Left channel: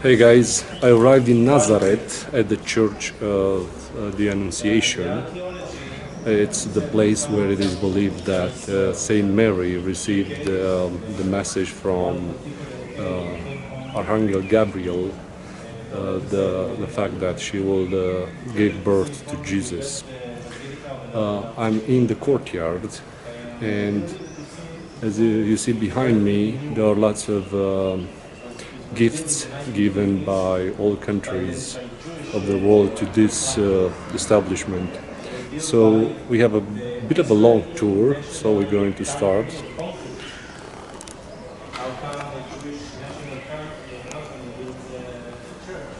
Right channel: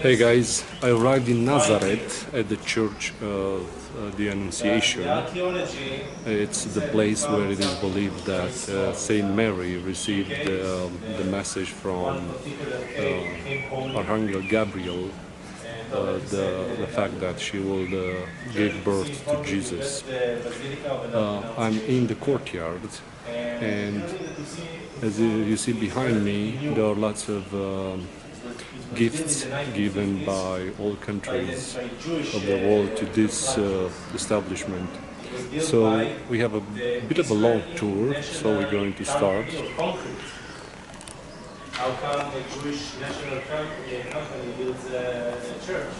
Hey guys, I arrived in Nazareth at the Church of the Annunciation. It's the place where it is believed that Saint Mary received the message from Archangel Gabriel, the fact that she will give birth to Jesus. I'm in the courtyard, and as you see behind me, there are lots of gifts given by all countries of the world to this establishment. So we have a bit of a long tour, so we're going to start. How come the Jewish national company builds a church?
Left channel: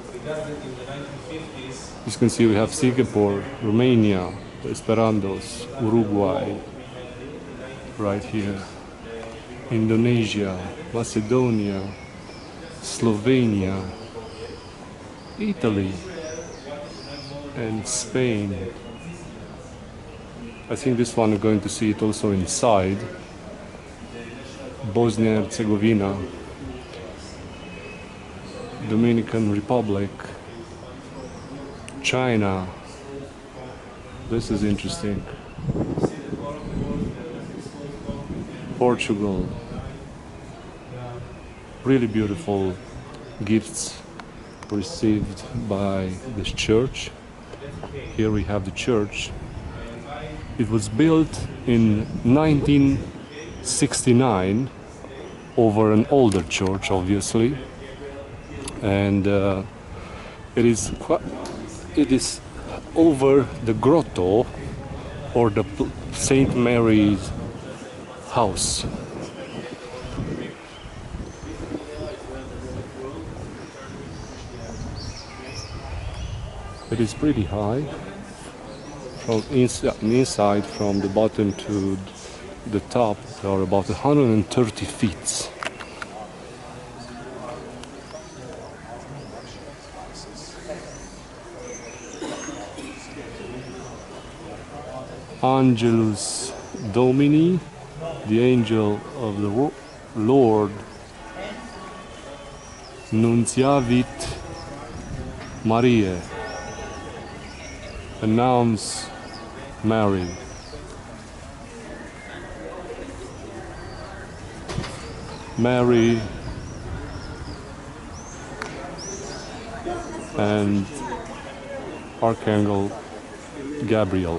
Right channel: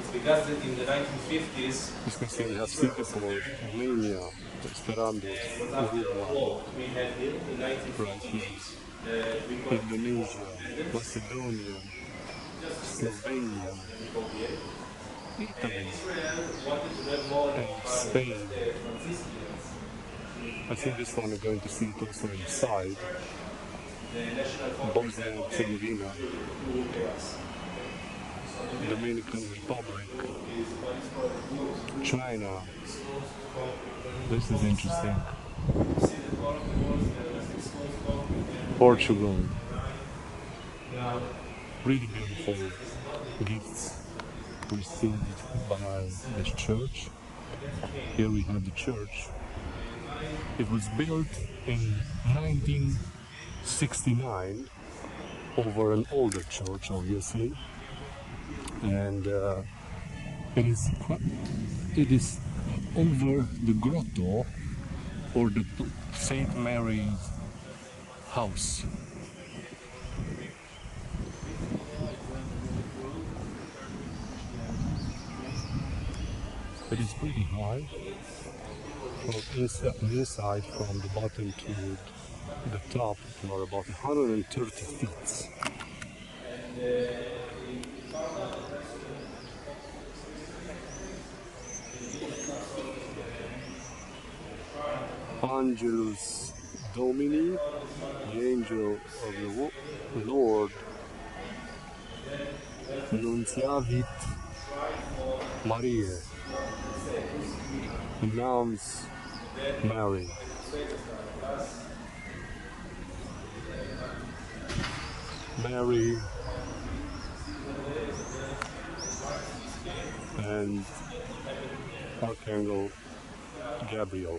It's because in the 1950s... As you can see, we have Singapore, Romania, Esperantos, Uruguay, right here, Indonesia, Macedonia, Slovenia, Italy, and Spain. I think this one we're going to see it also inside. Bosnia and Herzegovina, Dominican Republic, China. This is interesting. Portugal. Really beautiful gifts received by this church. Here we have the church. It was built in 1969 over an older church, obviously, and it is over the grotto, or the Saint Mary's house. It is pretty high from inside, from the bottom to the top. There are about 130 feet. Angelus Domini, the angel of the Lord, Nunciavit Maria, announce Mary. Mary and Archangel Gabriel.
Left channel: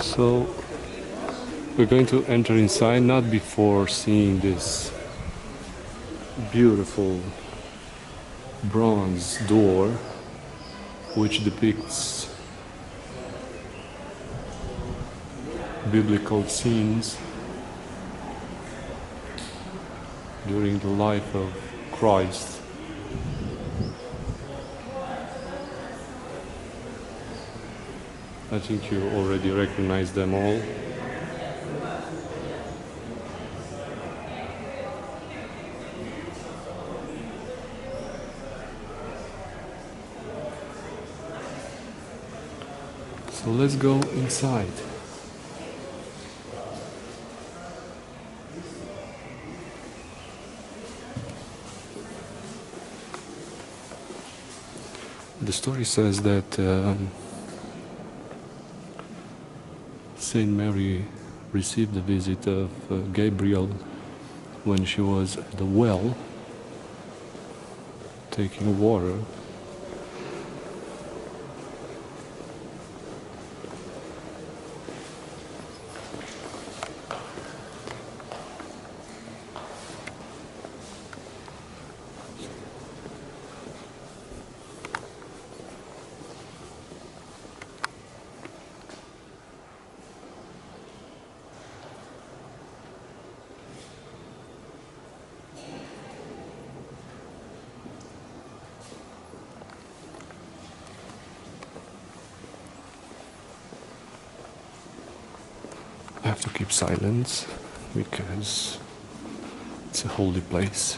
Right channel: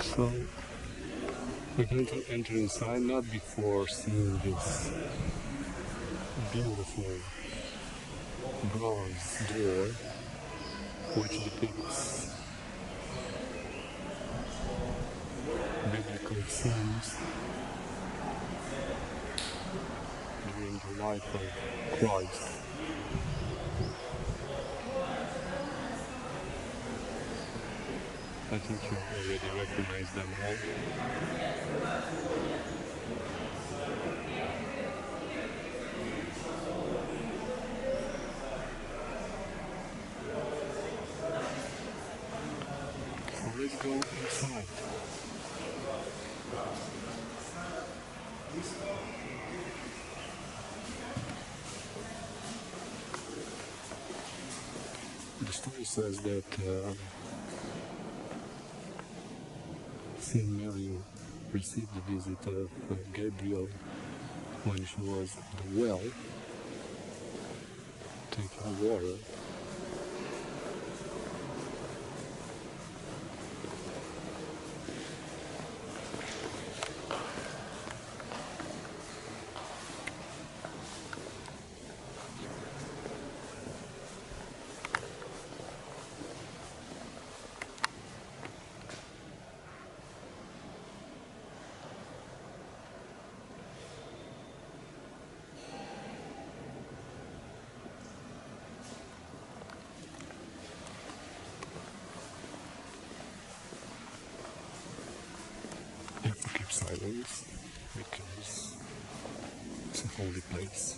So we're going to enter inside, not before seeing this beautiful bronze door which depicts biblical scenes during the life of Christ. I think you already recognize them all. So let's go inside. The story says that Saint Mary received the visit of Gabriel when she was at the well taking water. to keep silence because it's a holy place.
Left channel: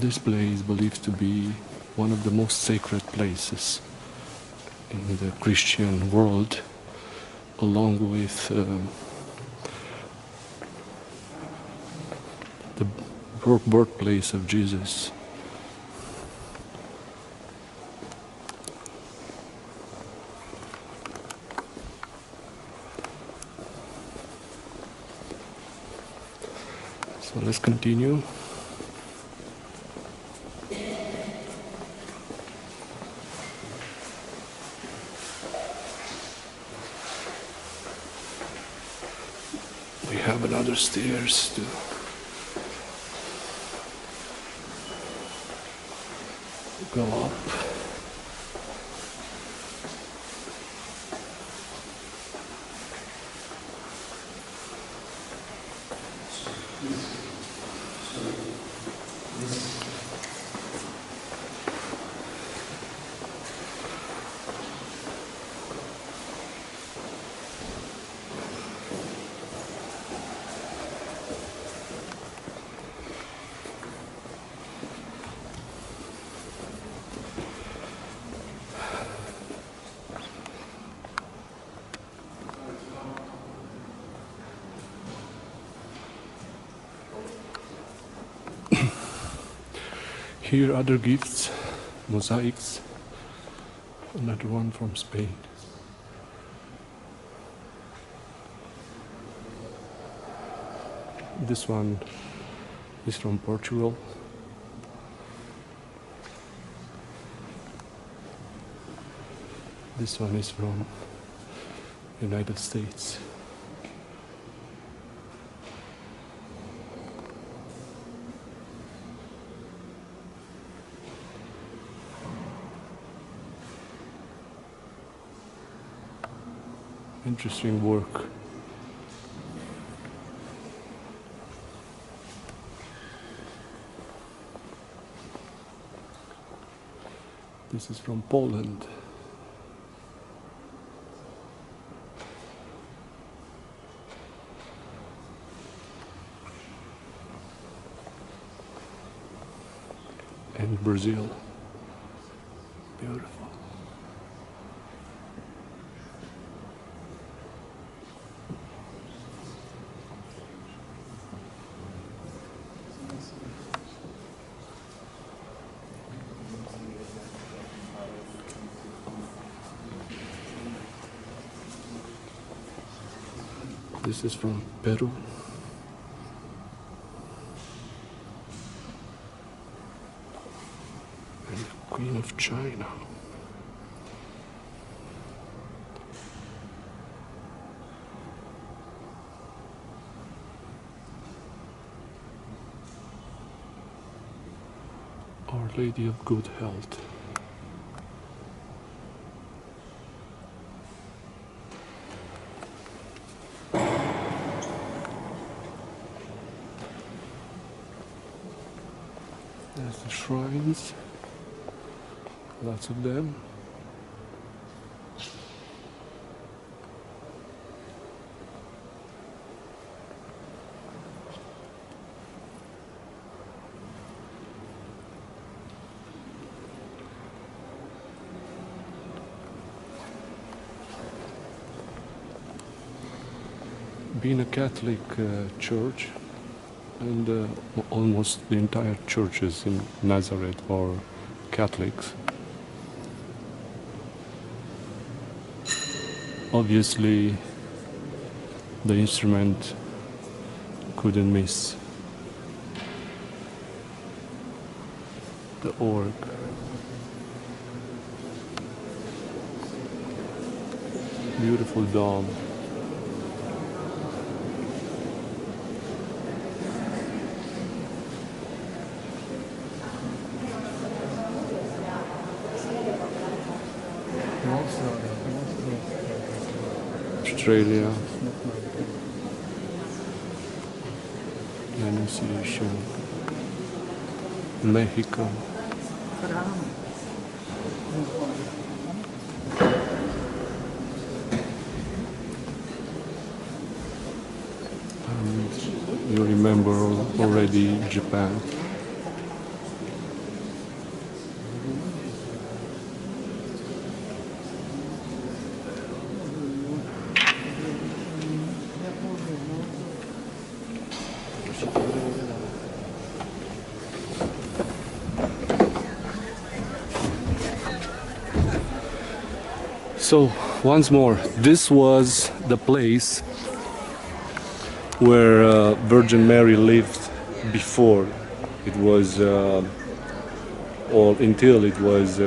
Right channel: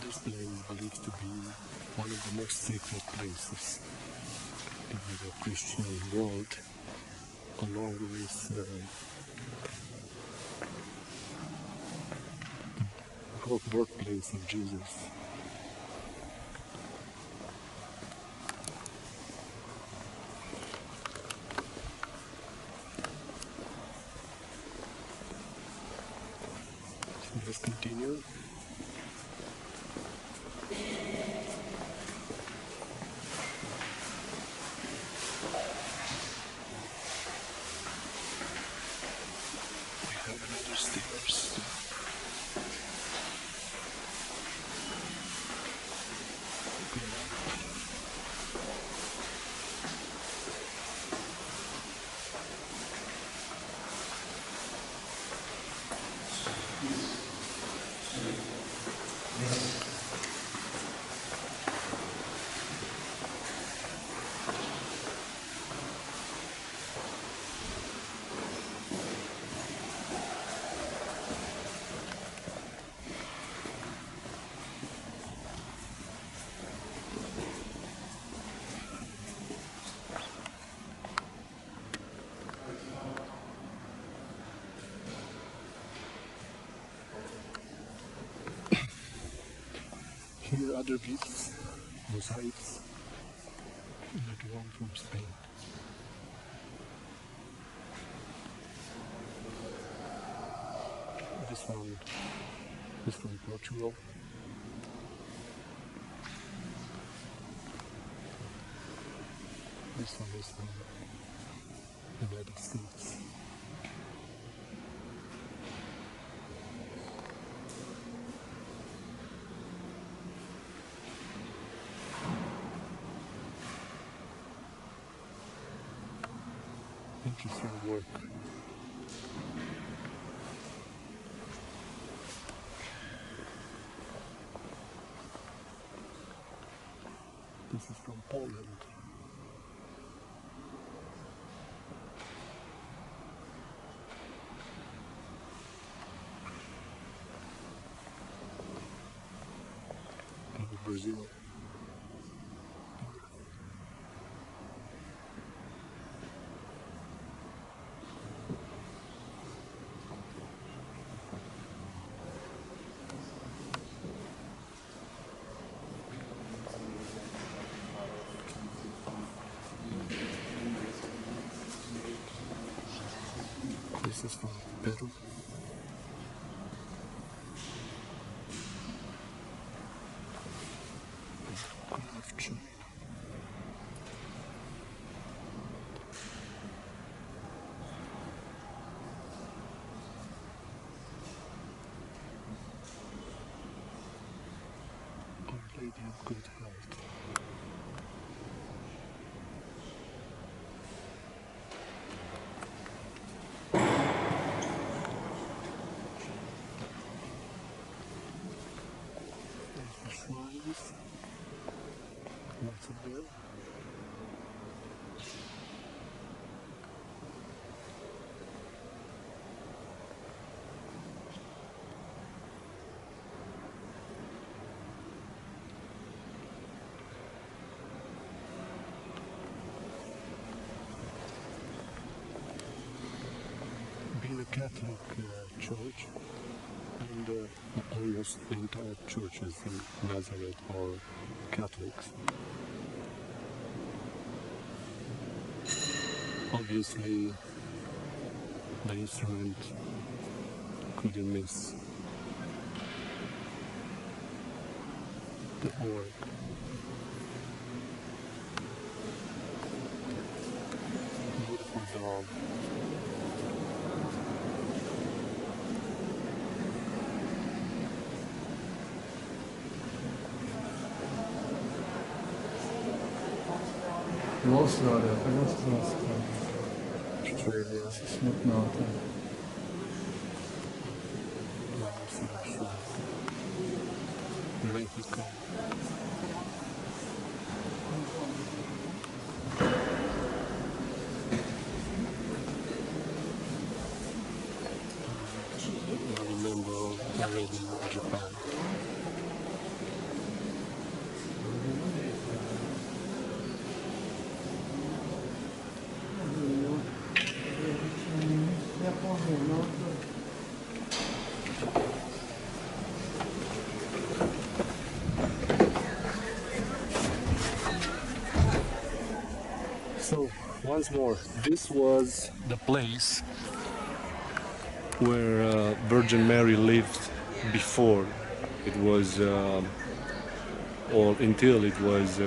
This place is believed to be one of the most sacred places in the Christian world, along with the birthplace of Jesus. So let's continue. We have another stairs to go up. Here other gifts, mosaics, another one from Spain. This one is from Portugal. This one is from United States. Interesting work. This is from Poland. And Brazil. Beautiful. This is from Peru. And the Queen of China. Our Lady of Good Health. There's the shrines, lots of them. Being a Catholic church, and almost the entire churches in Nazareth are Catholics. Obviously, the instrument couldn't miss. The org. Beautiful dome. Australia. Annunciation. Mexico. And you remember already Japan. So, once more, this was the place where Virgin Mary lived before it was, or until it was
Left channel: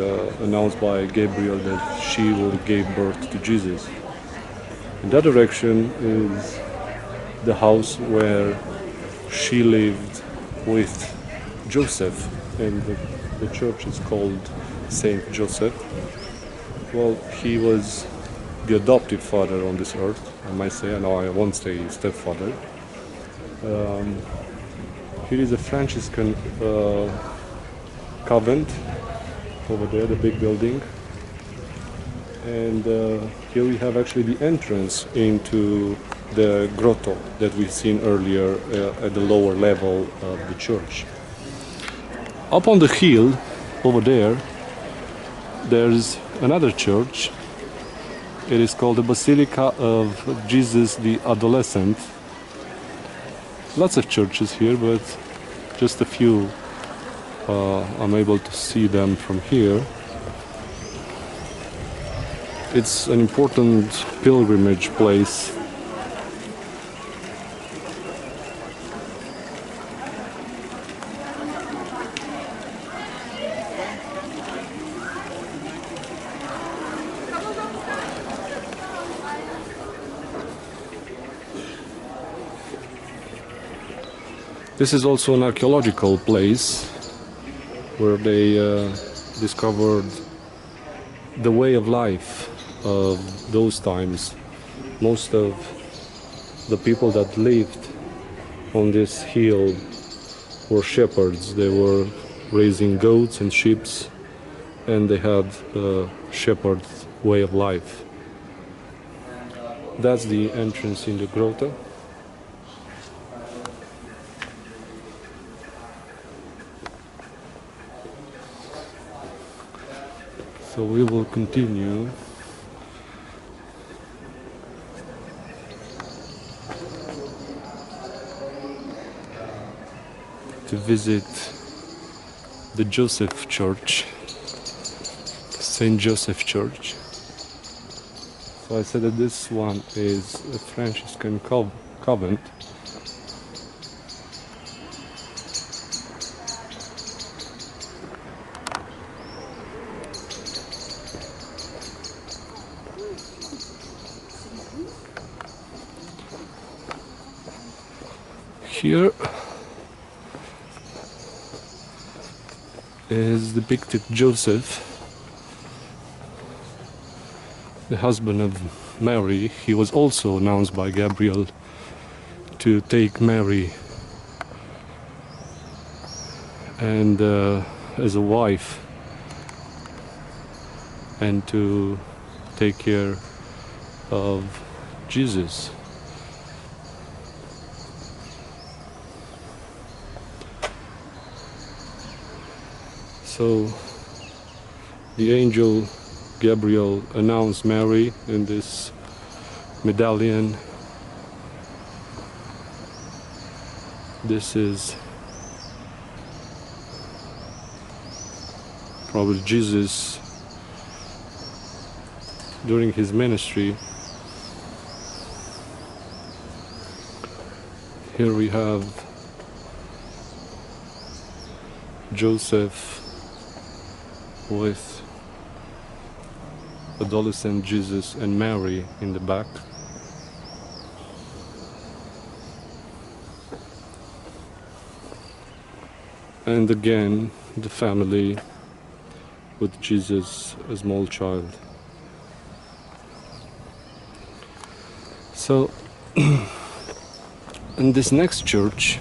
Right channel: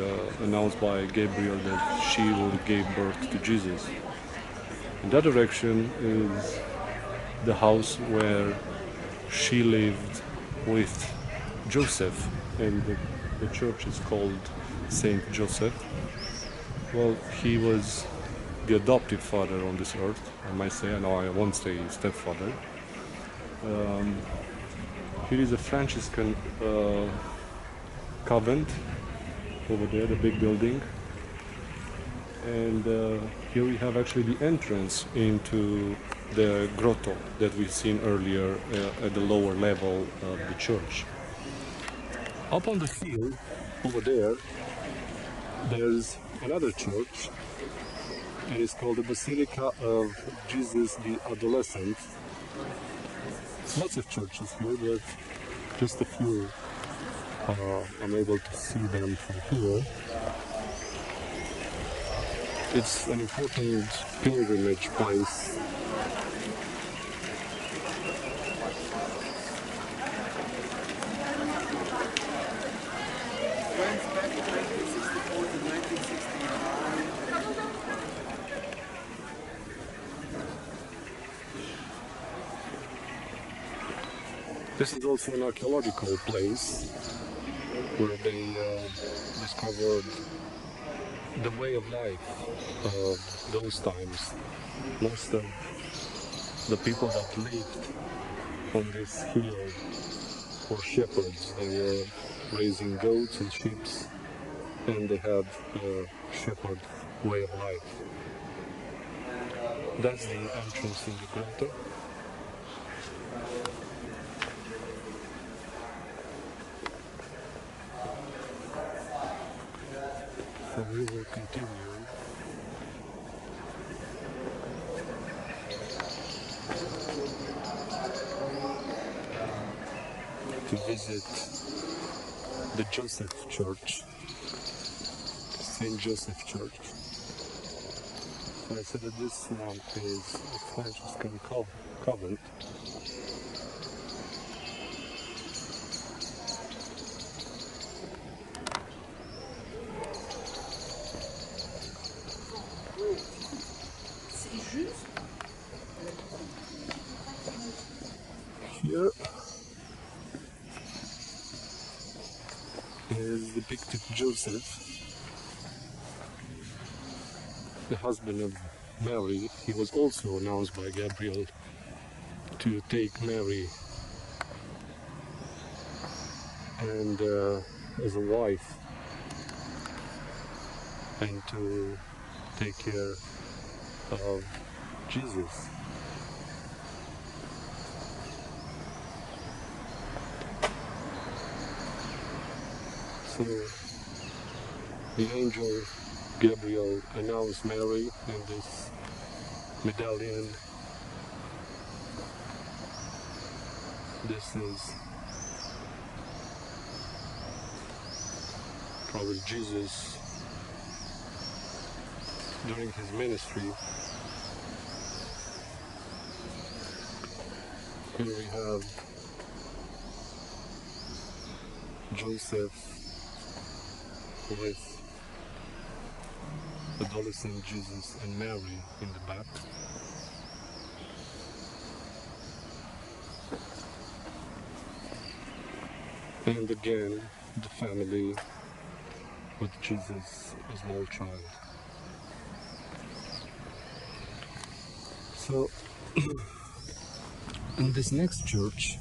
announced by Gabriel that she will give birth to Jesus. In that direction is the house where she lived with Joseph, and the church is called Saint Joseph. Well, he was the adoptive father on this earth, I might say. I know I won't say stepfather. Here is a Franciscan convent over there, the big building. And here we have actually the entrance into the grotto that we've seen earlier at the lower level of the church. Up on the hill over there, there's another church. It is called the Basilica of Jesus the Adolescent. Lots of churches here, but just a few. I'm able to see them from here. It's an important pilgrimage place. This is also an archaeological place where they discovered the way of life of those times. Most of the people that lived on this hill were shepherds. They were raising goats and sheep, and they had a shepherd way of life. That's the entrance in the grotto. So we will continue to visit the Joseph Church, Saint Joseph Church. So I said that this one is a Franciscan convent. Here is depicted Joseph, the husband of Mary. He was also announced by Gabriel to take Mary and as a wife, and to take care of Jesus. So the angel Gabriel announced Mary in this medallion. This is probably Jesus during his ministry. Here we have Joseph with adolescent Jesus and Mary in the back. And again, the family with Jesus, a small child. So, in this next church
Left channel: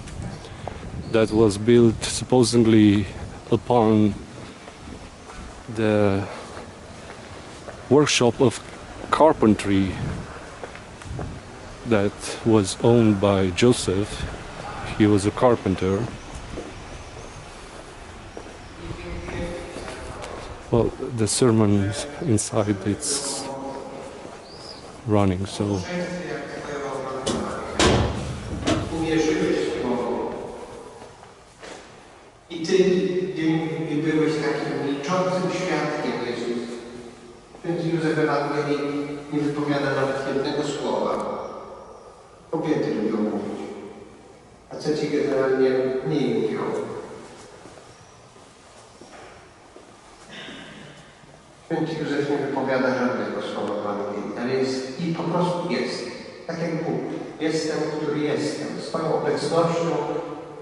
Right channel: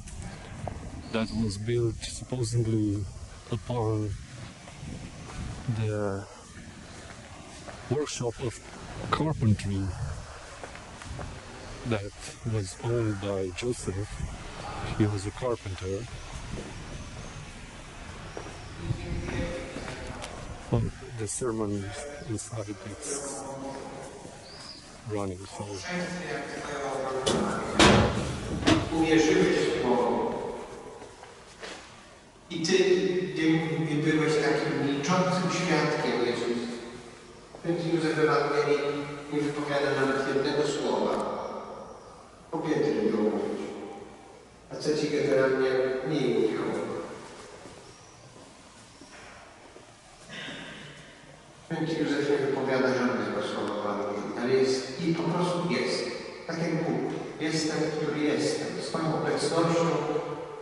that was built supposedly upon the workshop of carpentry that was owned by Joseph. He was a carpenter. Well, the sermon inside, it's running, so uwierzyłeś w Bogu i Ty byłeś takim milczącym świadkiem, Jezus. Więc Józef Ewangelii nie wypowiada nawet jednego słowa. Kobiety lubią mówić, a co Ci generalnie mniej mówią. Święty Józef nie wypowiada żadnego słowa w Ewangelii, ale jest i po prostu jest. Tak jak Bóg. Jestem, który jestem. Swoją obecnością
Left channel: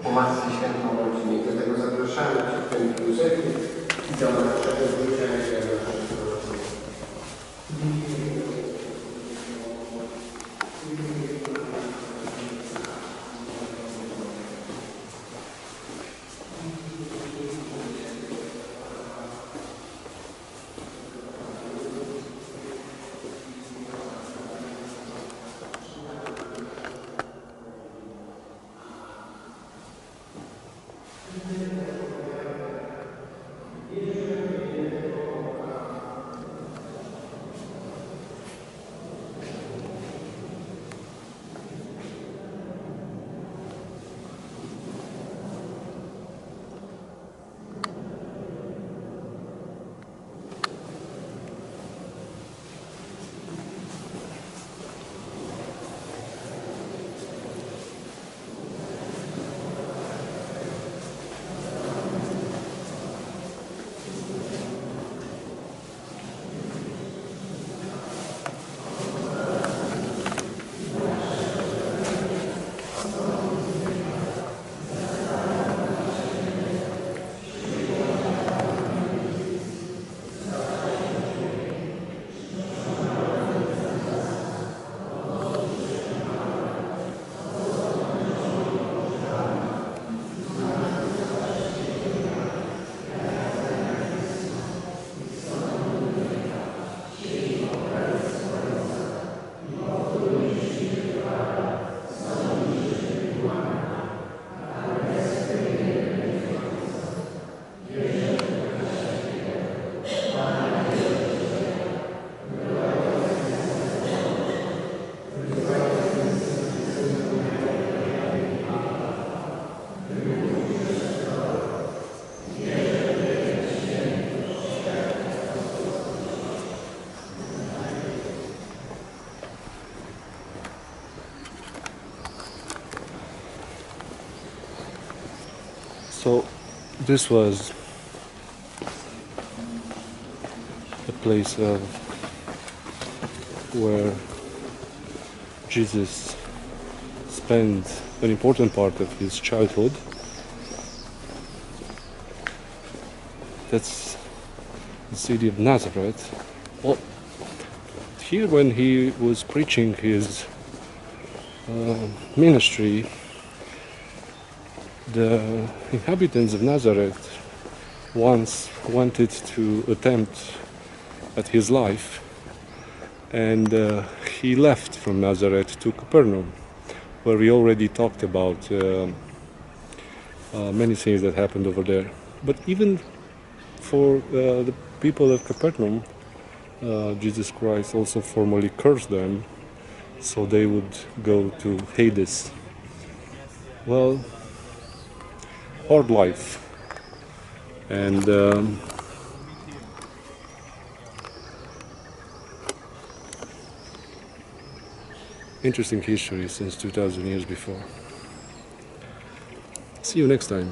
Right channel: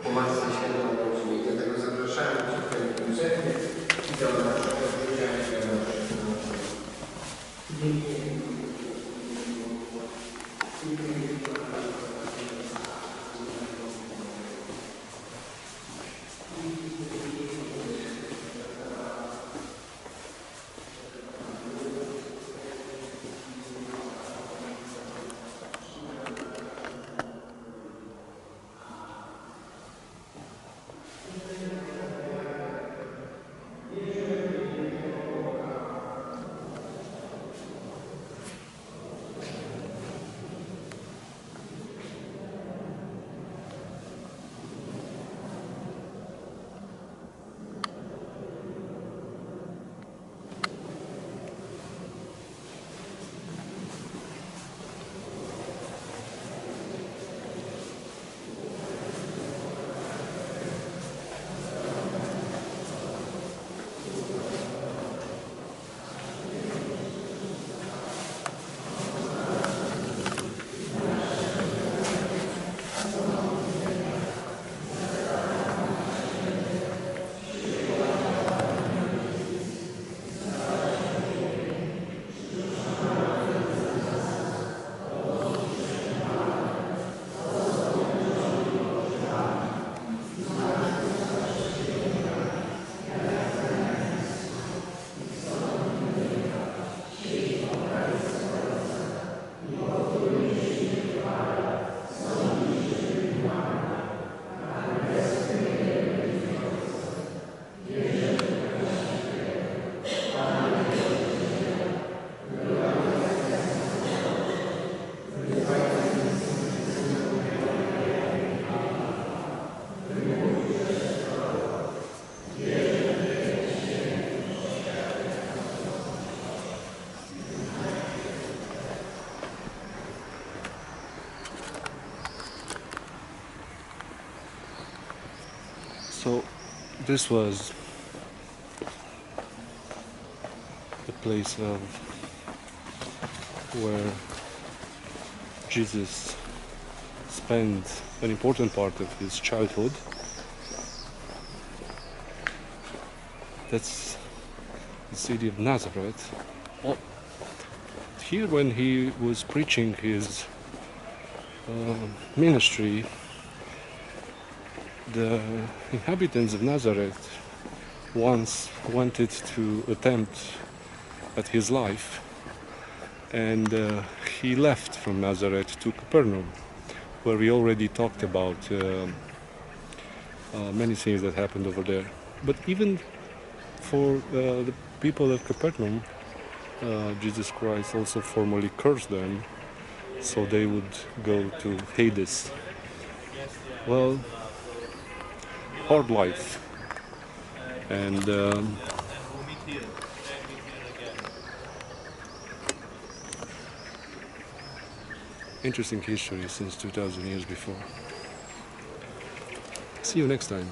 po Matce Świętą Rodzinie. Dlatego zapraszamy Cię, Święty Józefie, i do naszego życia i do naszego narodzenia. So this was a place of where Jesus spent an important part of his childhood. that's the city of Nazareth. Well, here when he was preaching his ministry, the inhabitants of Nazareth once wanted to attempt at his life, and he left from Nazareth to Capernaum, where we already talked about many things that happened over there. But even for the people of Capernaum, Jesus Christ also formally cursed them, so they would go to Hades. Well, hard life. And interesting history since 2000 years before. See you next time.